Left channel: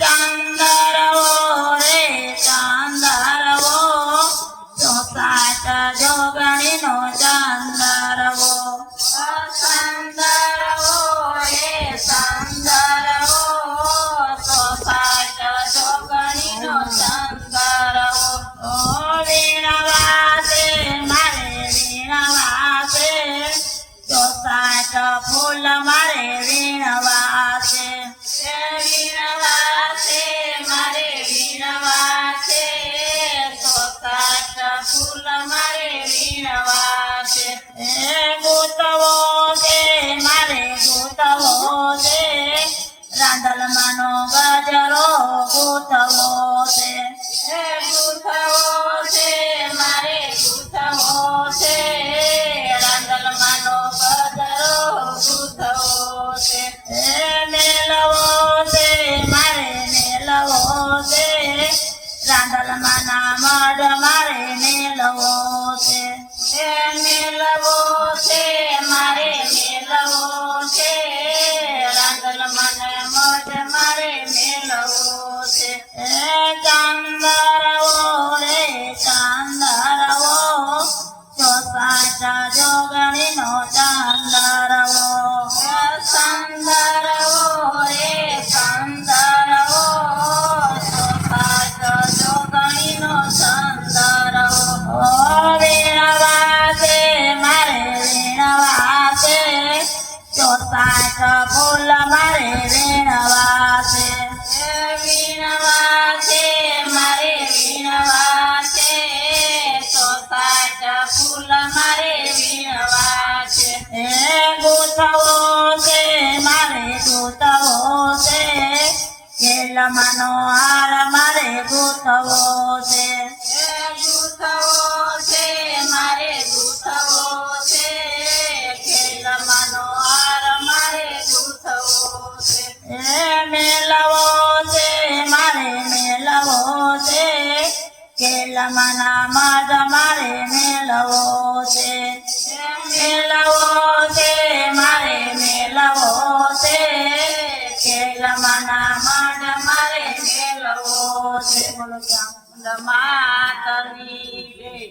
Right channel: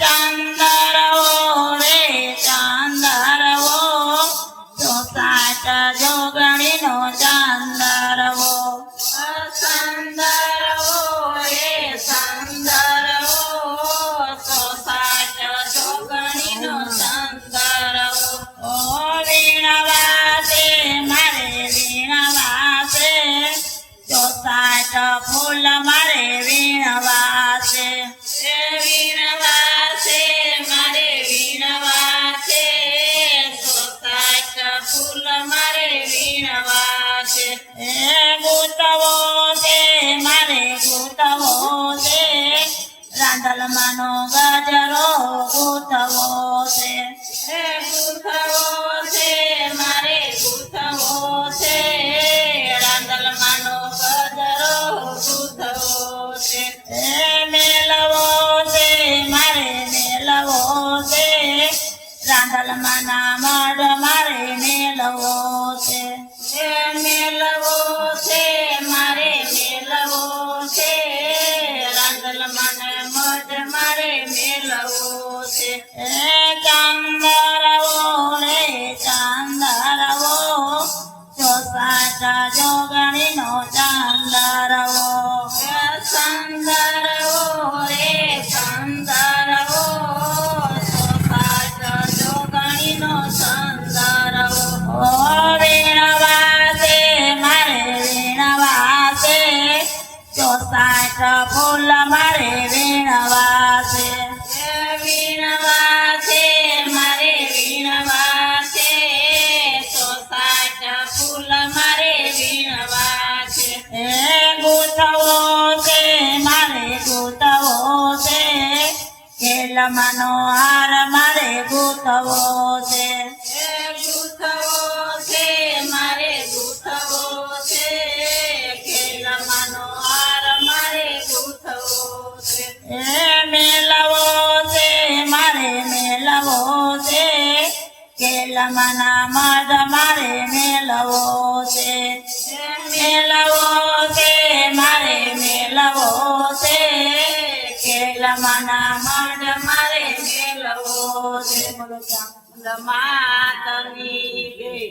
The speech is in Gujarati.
ચાંદરવો રે ચાંદરવો ચોસાટ જોગણીનો ચાંદરવો ચાંદરવો રે ચાંદરવો ચોસાટ જોગણીનો ચાંદરવો ઓ વીણવાસે મારે વીણવાસે ચોસાટ ફૂલ મારે વીણવાસે વીણવાસે મારે વીણવાસે ચોસાટ ફૂલ મારે વીણવાસે ગોતવો છે મારે ગોતવો છે રાંદલમાંનો ગજરો ગોતવો છે ગૂંથવો છે મારે ગૂંથવો છે રાંદલમાંનો ગજરો ગૂંથવો છે મેલવો છે મારે મેલવો છે રાંદલમાંના મઢ મારે મેલવો છે મેલવો છે મારે મેલવો છે રાંદલમાંના મઢ મારે મેલવો છે ચાંદરવો રે ચાંદરવો ચોસાટ જોગણીનો ચાંદરવો ચાંદરવો રે ચાંદરવો ચોસાટ જોગણીનો ચાંદરવો વીણવાસે મારે વીણવાસે ચોસાટ ફૂલ મારે વીણવાસે વીણવાસે મારે વીણવાસે ચોસાટ ફૂલ મારે વીણવાસે ગૂંથવો છે મારે ગૂંથવો છે કેલમાંનો હાર મારે ગૂંથવો છે ગૂંથવો છે મારે ગૂંથવો છે કેલમાંનો હાર મારે ગૂંથવો છે મેલવો છે મારે મેલવો છે કેલમાંના